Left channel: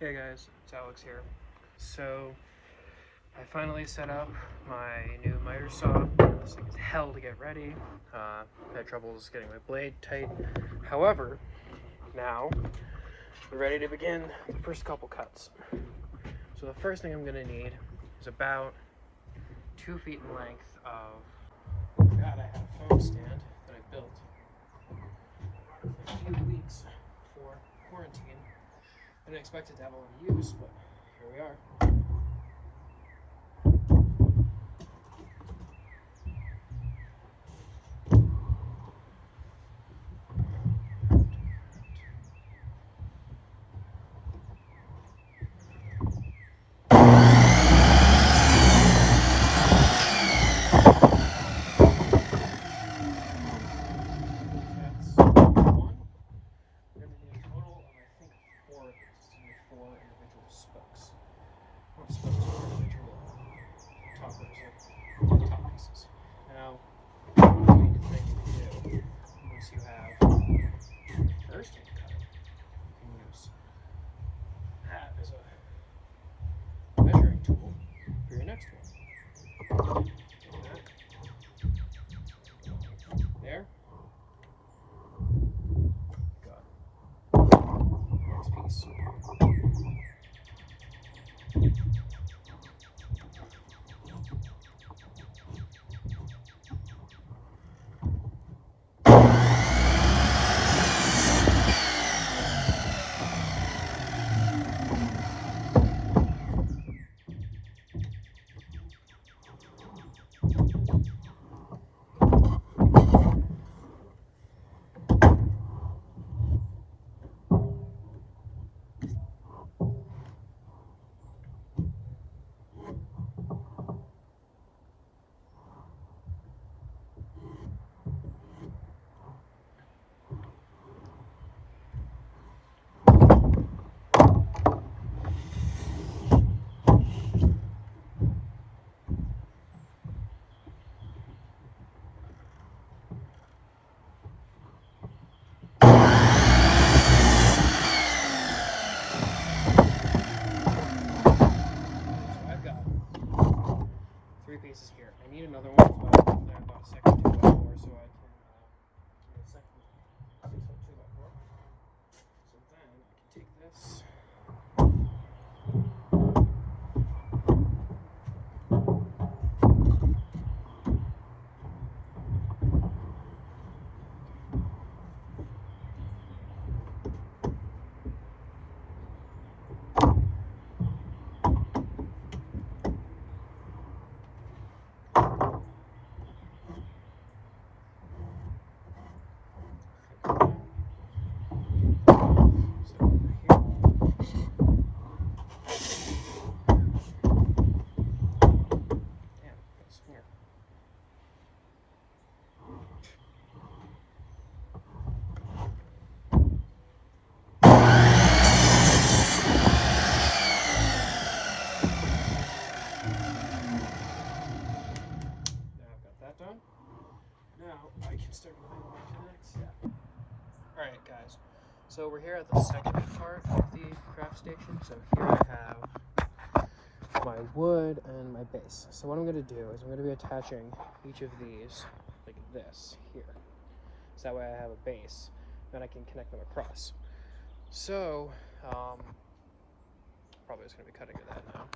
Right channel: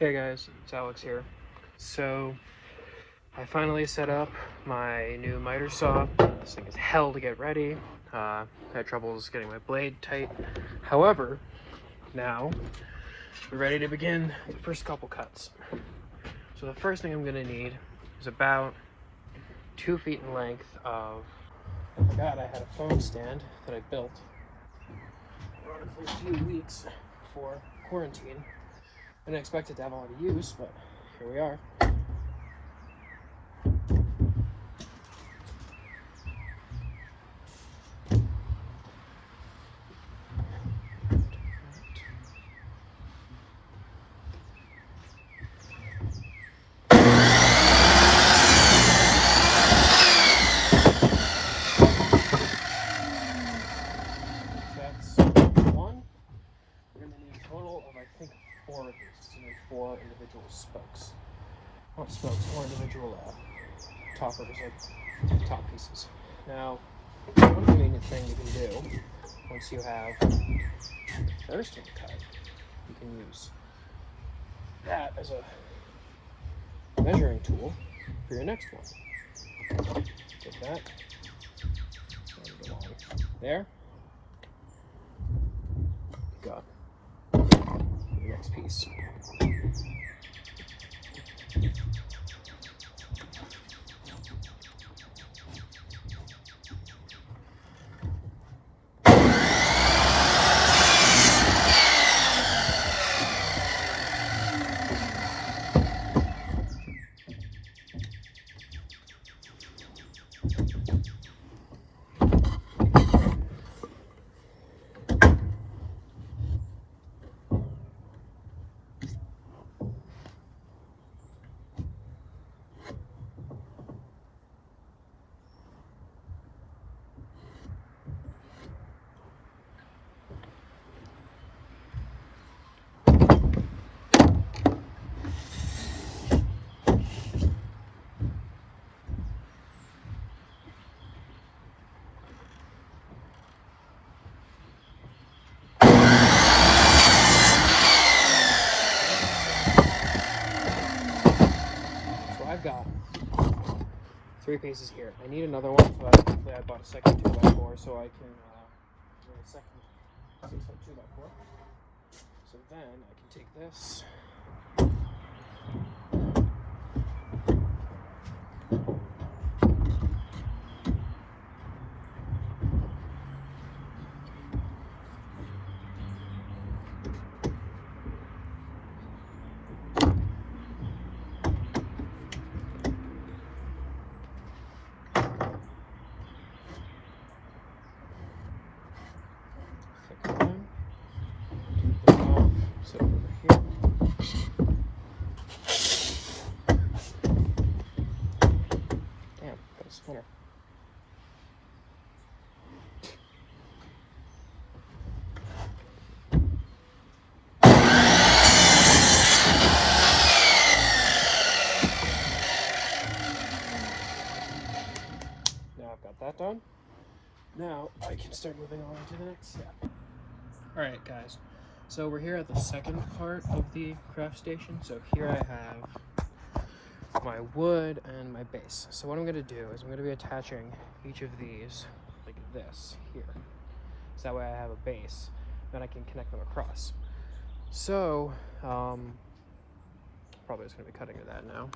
Hey guys, it's Alex here. So, I finally set up my new miter saw. This thing is hell to get ready. I had troubles getting my blade tight. However, now we're ready to begin the first couple cuts. So the first thing I'm going to need is about 2 feet in length of... I forgot I had a phone stand that I built a few weeks before quarantine. I didn't expect it to have a lot of use, but here we are. Four individual spokes. Not spokes, 4 individual toppers, like top pieces. Now, one convenient thing you can do, once you have the first one cut, you can use that as a measuring tool for your next one. Take that, and go on there. Got the next piece. Three pieces here. I need another one, so hopefully I bought a second 2x4 so I can get a second 6-foot 2x4. So then I can take this. Done. Now I can start moving on to the next step. Alright guys, so we're here at the second part of the craft station. So here I have my wood and my base. So what I'm going to do is I'm going to be attaching each of these like this here. So that way I have a base, then I can connect them across. So, probably just going to be cutting that now.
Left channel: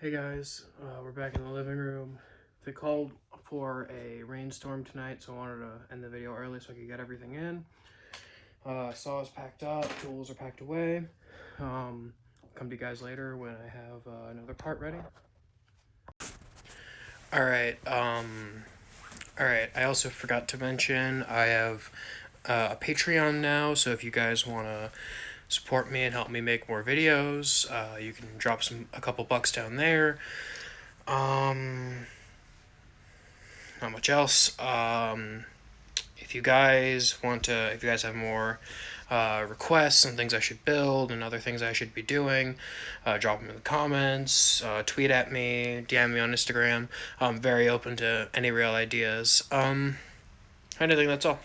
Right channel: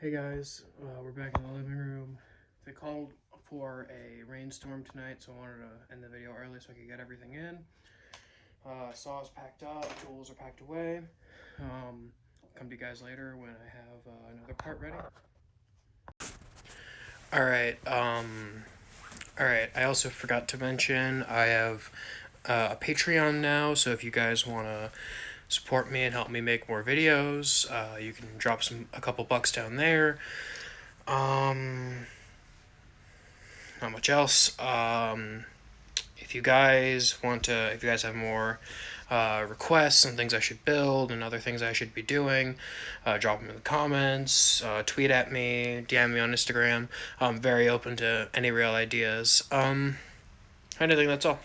Hey guys, we're back in the living room. They called for a rainstorm tonight, so I wanted to end the video early so I could get everything in. Saw is packed up, tools are packed away. Come to you guys later when I have another part ready. Alright, I also forgot to mention I have a Patreon now, so if you guys want to support me and help me make more videos, you can drop a couple bucks down there. Not much else. If you guys have more requests and things I should build and other things I should be doing, drop them in the comments, tweet at me, DM me on Instagram. I'm very open to any real ideas. I think that's all.